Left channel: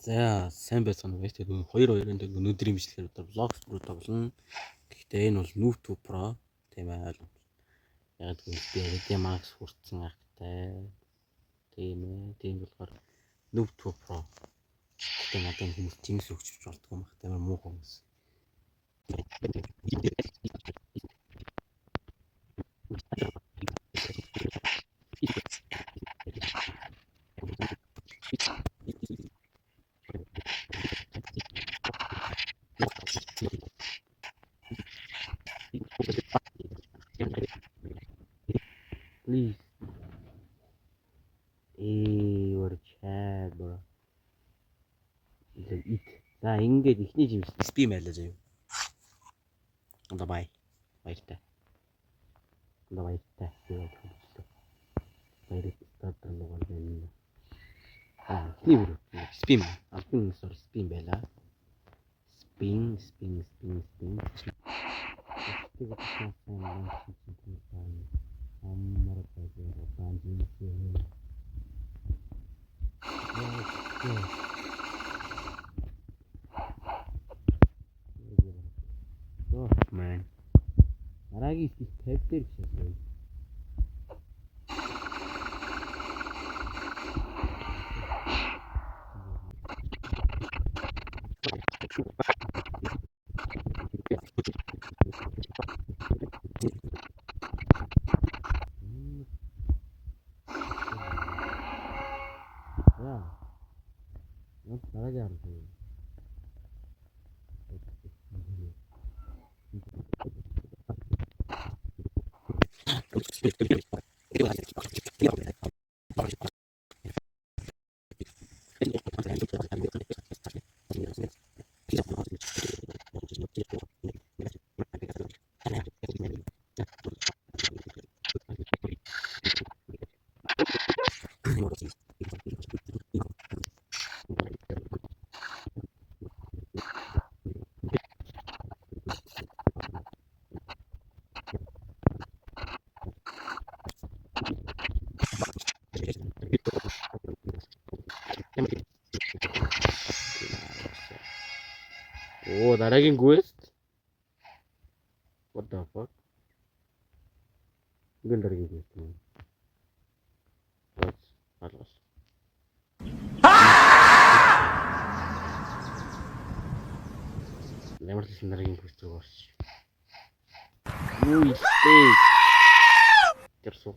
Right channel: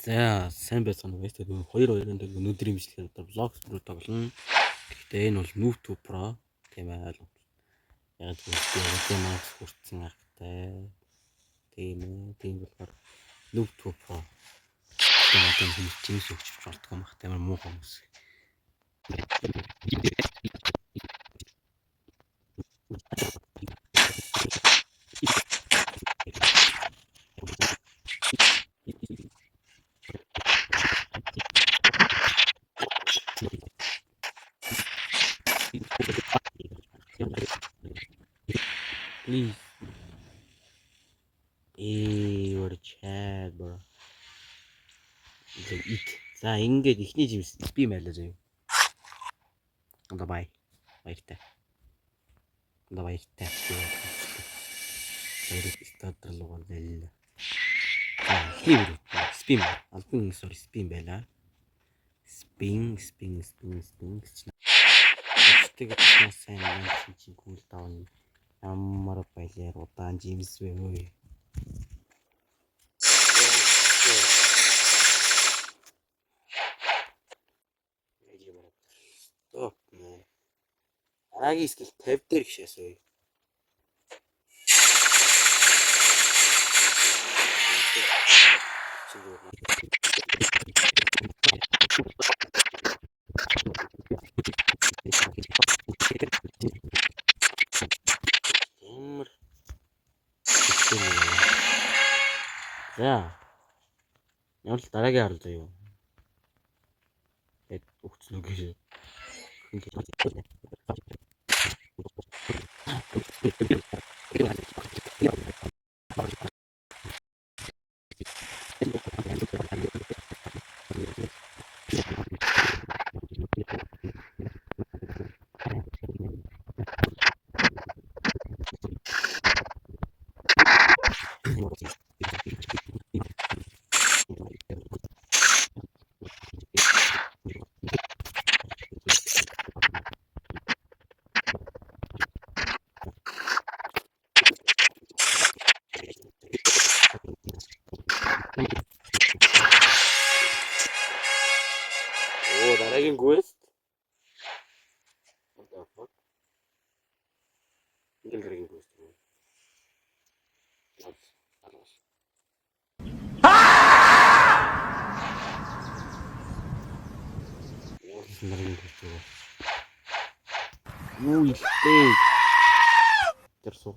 За сайн байцгаана уу. Тэгээд 2-2-ын өнөөдрийн бичлэгээр влогс бүр тоглоно. Гэхдээ энэ бол Noob Tube Pro тийм ээ. Яг гэдэг Max хүртсэн ахтай. Тийм ээ. Тийм болохоор Noob Tube Pro. Тийм одоо хэмжээс өгчөж болтгоо мах тамир муу хүмүүс. Please. What a chat bro. За ингээд ихний жимс би майлаа заяа. Одоо баяртай. Одоо баяртай. Баяртай стартер лугаар байлаа. За ихний бүр спин албан sorry спин байлаа. Спин. Тэгээд сайн чинь кул даун. Ямар баялаар удаан жимс вэ хөөе. Oh man. Дараагийн скил 50 дээр гişээсөө. За. Ямар л дараагийн харал заяа. Эд өгцлөө гэж. Oh, дараагийн quest. What the fuck? Ингээл дараагийн quest юм. Алгас. Ямар ч дараагийн quest юу? Юу ихтэй. Тэрсүү.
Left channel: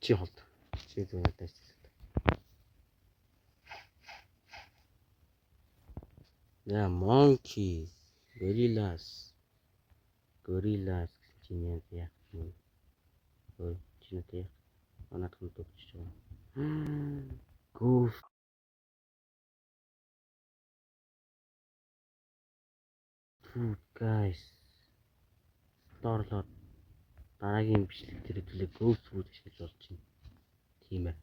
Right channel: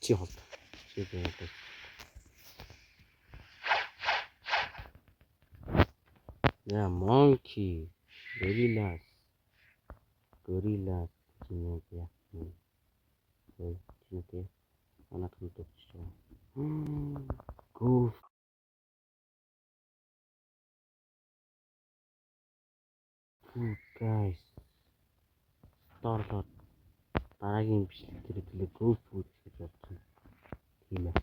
Чи холт. Чи бэлээ. Yeah, monkey, gorillas чиний яах юм. Ой, чиний анаад хөдөлж байгаа. Goof. Guys. Сторлоод дараагийн бичлэг дээр төлөө goof food гэж болж байна. Тийм ээ.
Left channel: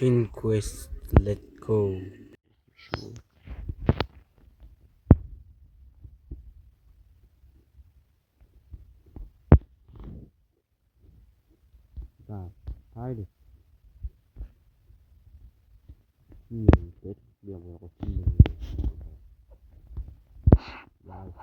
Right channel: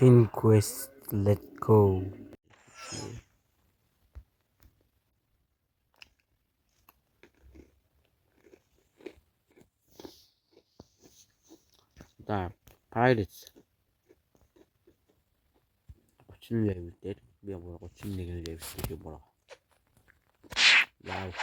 Shin quest, let go. Да, Pirates. 30 level дээр би 31 level болоо. Яв.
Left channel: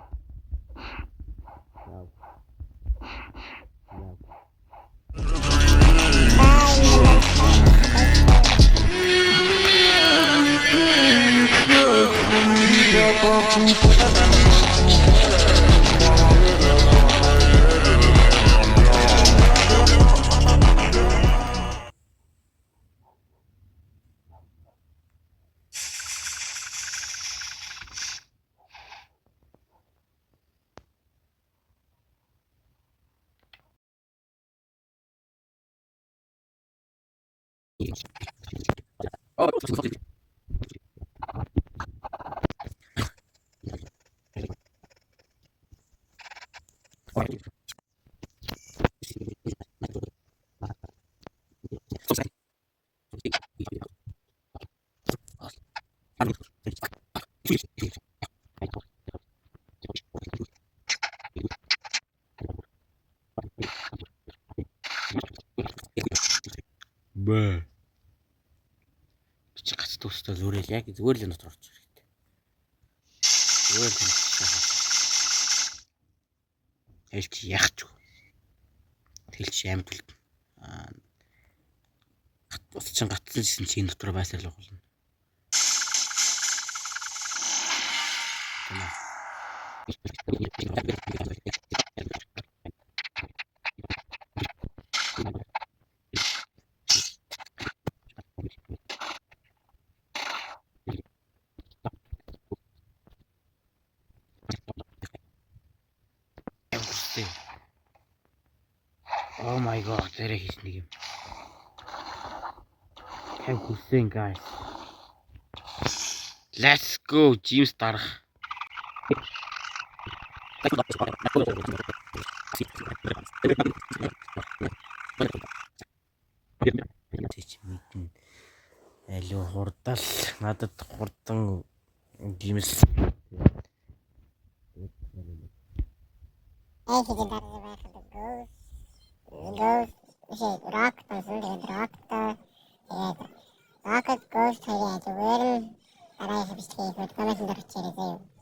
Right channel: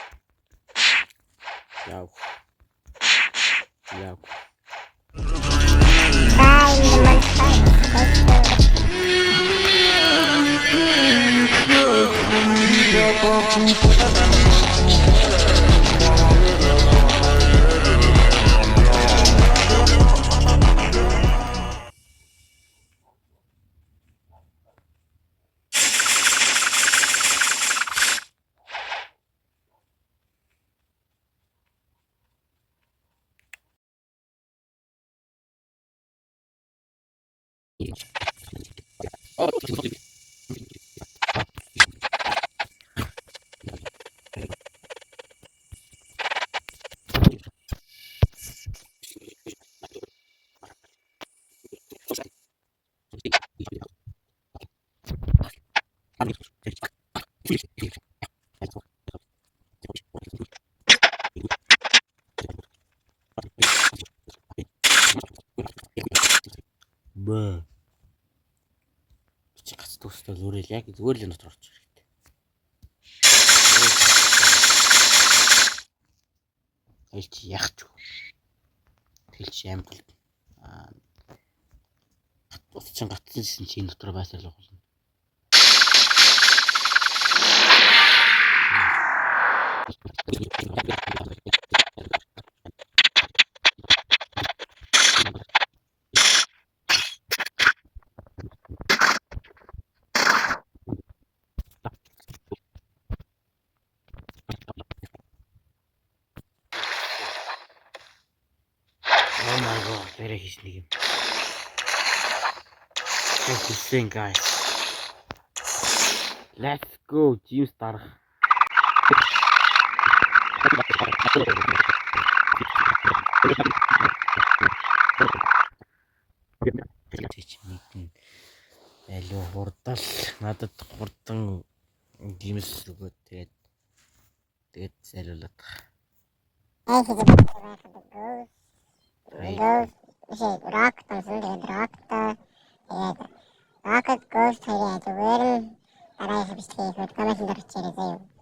тэгэл яг зүгээр л дотор орчих хэрэгтэй. Тэгэл чи яахч. Тэгэл чи амтл ус чин гатсан чинь дотор байсаар л болно. Oh my god, very хийх нэг юм. Хэлсэн guys. Let's go, James дарах. Алуу хурдал надад хурдан James тэгээд зайлуулаад. Rocket Ghost хоёрын ажигвэр дараа хэвчлээ коммент дөрчээрэй заяа.